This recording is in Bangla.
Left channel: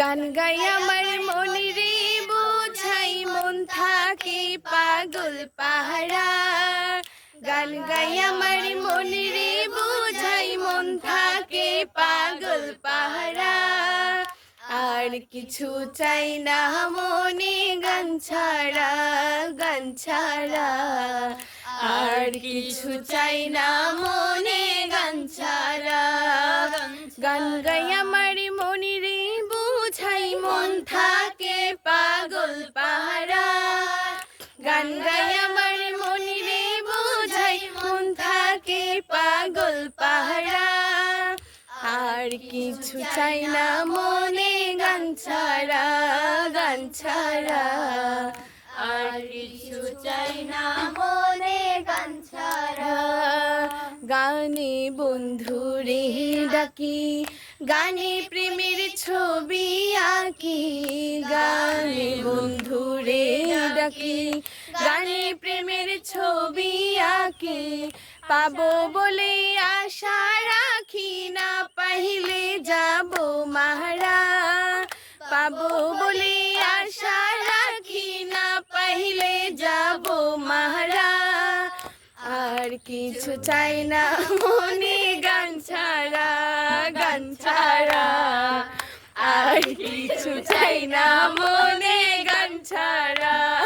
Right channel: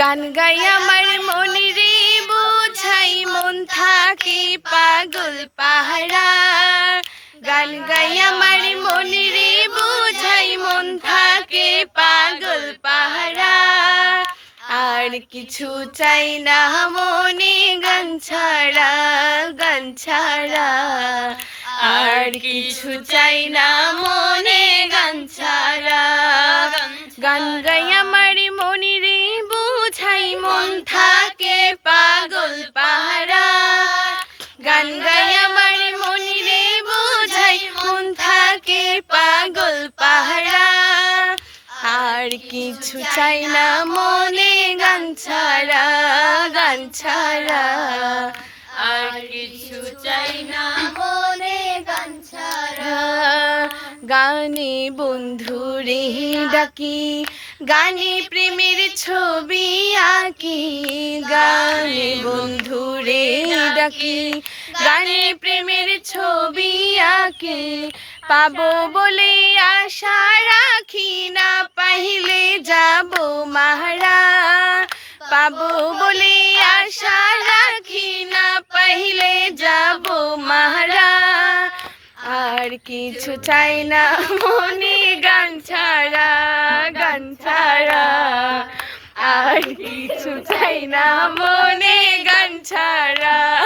গান গাই আমার মন রে বোঝাই মন থাকে পাগল পাহারা। গান গাই আমার মন রে বোঝাই মন থাকে পাগল পাহারা। আর কিছু চাই না মনে গান ছাড়া, গান ছাড়া। আর কিছু চাই না মনে গান ছাড়া। গান গাই আমার মন রে বোঝাই মন থাকে পাগল পাহারা। গান গাই আমার মন রে বোঝাই মন থাকে পাগল পাহারা। আর কিছু চাই না মনে গান ছাড়া, গান ছাড়া। আর কিছু চাই না মনে গান ছাড়া। গানে বন্ধুরে ডাকি, গানে প্রেমের ছবি আঁকি। গানে বন্ধুরে ডাকি, গানে প্রেমের ছবি আঁকি। পাবো বলে আশা রাখি, না পাইলে যাব মাহারা। পাবো বলে আশা রাখি, না পাইলে যাব মাহারা। আর কিছু চাই না মনে গান ছাড়া, গান ছাড়া। আর কিছু চাই না মনে গান ছাড়া।